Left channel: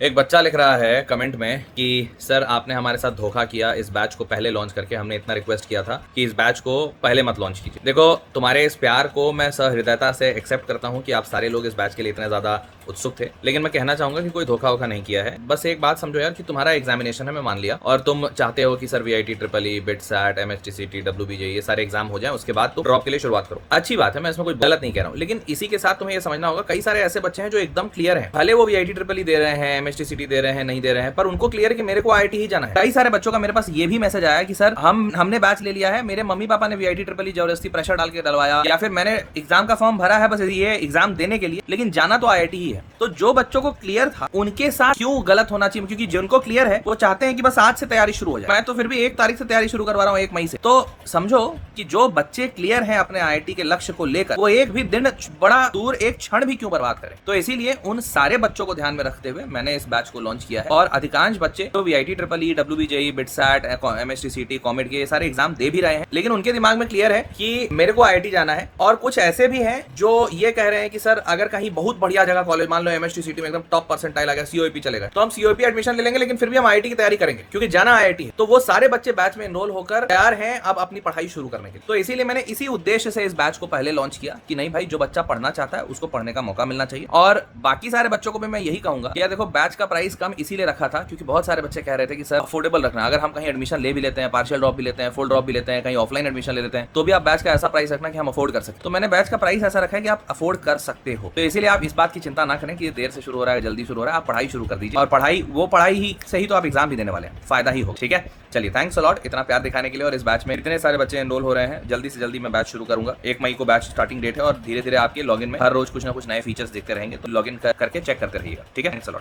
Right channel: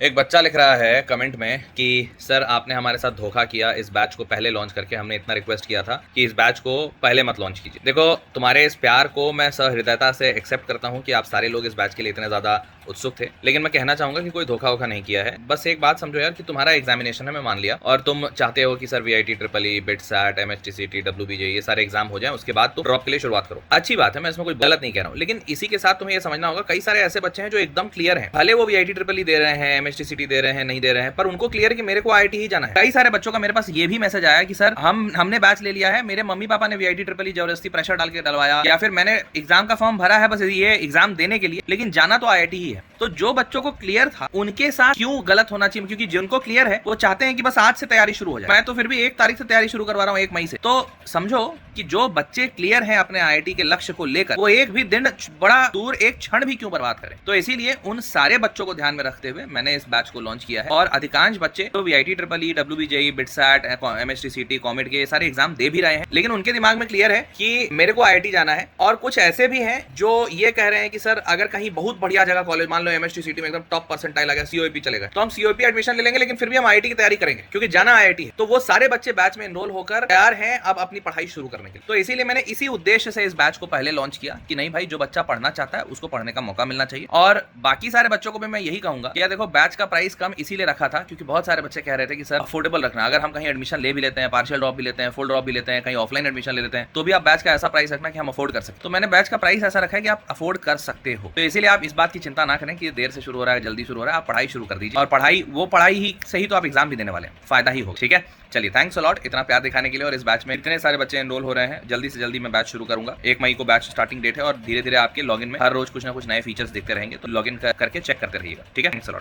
एक बच्चा लिख रहा है कमेंट में कि सर आपने हमारे साथ धोखा किया, इस बैच को पहले लॉन्च करके हमने इतना रिक्वेस्ट किया था कि इस बैच को पहले मत लॉन्च कीजिए। देखो, तुम्हारे इस प्यार को मैं सहृदयता से एक्सेप्ट करता हूँ कि आप सारे लोग इस बैच के लिए इतने ज्यादा उत्सुक थे, लेकिन मैं कहना चाहूंगा कि कोई धोखा वोखा नहीं किया है। बस एक बात समझो यार कि तुम्हारा एग्जामिनेशन है, मैं मान लिया, और तुम चाहते हो कि sir VIT triple E, BITSAT, MSTCT, WBJ ये सारे एग्जाम हो जाए, उसके बाद तुम ड्रॉप के लिए शुरुआत करो। अच्छी बात है, मैं इसमें कोई गलत नहीं कह रहा हूँ, लेकिन इसी के साथ तुम्हें यह समझना होगा कई सारे ऐसे बच्चे हैं जो एकदम क्लियर हैं, भले वो वीआईटी ट्रिपल ई दे रहे हैं, एमएसटीसीटी दे रहे हैं, नहीं दे रहे हैं, पर उनको क्लियर है कि मेरे को आईआईटी ही जाना है। कई सारे बच्चों का मेरे पास ये भी मैसेज आया कि सर हमने बैच ले लिया है, मेरे मम्मी पापा ने वीआईटी ट्रिपल ई जबरदस्ती प्रेशर डाल के डलवाया, या फिर मैंने एग्जाम का फॉर्म भरा है बस ये एग्जाम देने के लिए, लेकिन जाना तो आईआईटी ही है। तो जो बच्चों को क्लियर था उनके साथ क्यों गलत होना चाहिए? क्योंकि जिनको क्लियर है वो चाहते हैं कि बस आज से तैयारी शुरू हो जाए। मैं तो फिर भी 1 तारीख से तैयारी शुरू करवा रहा हूँ, 1 मई से। तो समझो कि जो बच्चे क्लियर हैं अपने आईआईटी के लक्ष्य को लेकर, वो एक भी दिन बड़ा दूर एक क्षण भी क्यों बर्बाद करें। तो इसीलिए उन सारे बच्चों को ध्यान में रखते हुए मैंने इस बैच को लॉन्च किया है। और अधिकांश बच्चे तो VIT triple E, WBJEE, BITSAT, MSTCT, COMET के सारे एग्जाम दे भी रहे हैं, लेकिन उनके दिमाग में क्लियर है कि मेरे को आईआईटी जाना है। और कुछ ऐसे भी हैं जो ये कह रहे हैं कि सर अगर कहीं बहुत बढ़िया जगह कॉलेज, मान लो एमएसटीसीटी में एकदम टॉप परसेंटाइल आ गया, सीओईपी चलेगा, तो हम सीओईपी एडमिशन ले लेंगे, लेकिन फिर भी हम आईआईटी की तैयारी करेंगे क्योंकि जाना आईआईटी है। तो वो सारे बच्चे बैच में एनरोल होकर तैयार हैं अब अपनी पढ़ाई शुरू करने के लिए। तो इसीलिए मैंने इसी उद्देश्य से इस बैच को पहले लॉन्च किया कि नहीं भाई, जो बच्चा पढ़ना चाहता है उसको पढ़ने का मौका मिलना चाहिए। और बाकी सारे बच्चों को भी मैं यही कहूंगा कि यार देखो, बैच का प्राइस कम इसीलिए रखा था क्योंकि बहुत सारे बच्चे कह रहे थे कि सर अफोर्डेबल रखना, अगर हम कहीं एडमिशन ले भी लेते हैं, पार्शियल ड्रॉप भी लेते हैं, फुल ड्रॉप भी लेते हैं, कहीं ऑफलाइन एडमिशन ले लेते हैं, तो भी आप बैच का ऐसा प्राइस रखना कि हम अफोर्ड कर सकते। तो मैंने बैच का प्राइस ऐसा रखा है कि आप अफोर्ड कर सकते हो। तो इसीलिए आप इस बात की चिंता ना करें कि ये देर से शुरू हो रहा है, जल्दी शुरू हो रहा है, आप पढ़ाई शुरू कर दीजिए। और पढ़ाई ही सही तो आप एग्जाम भी देने वाले हैं, फायदा ही होगा। ठीक है, चलिए, थैंक्स अ लॉट इतना प्यार दिखाने के लिए। और इस बैच में इतने सारे बच्चे एनरोल हो रहे हैं, जल्दी से जल्दी मैं बैच शुरू करूंगा। 1 मई को बैच स्टार्टिंग डेट है और धीरे धीरे आपके लॉगिन में हर रोज कुछ ना कुछ नए फीचर्स देखते रहेंगे, तो लॉगिन करके चेक करते रहिएगा। ठीक है, थैंक्स अ लॉट।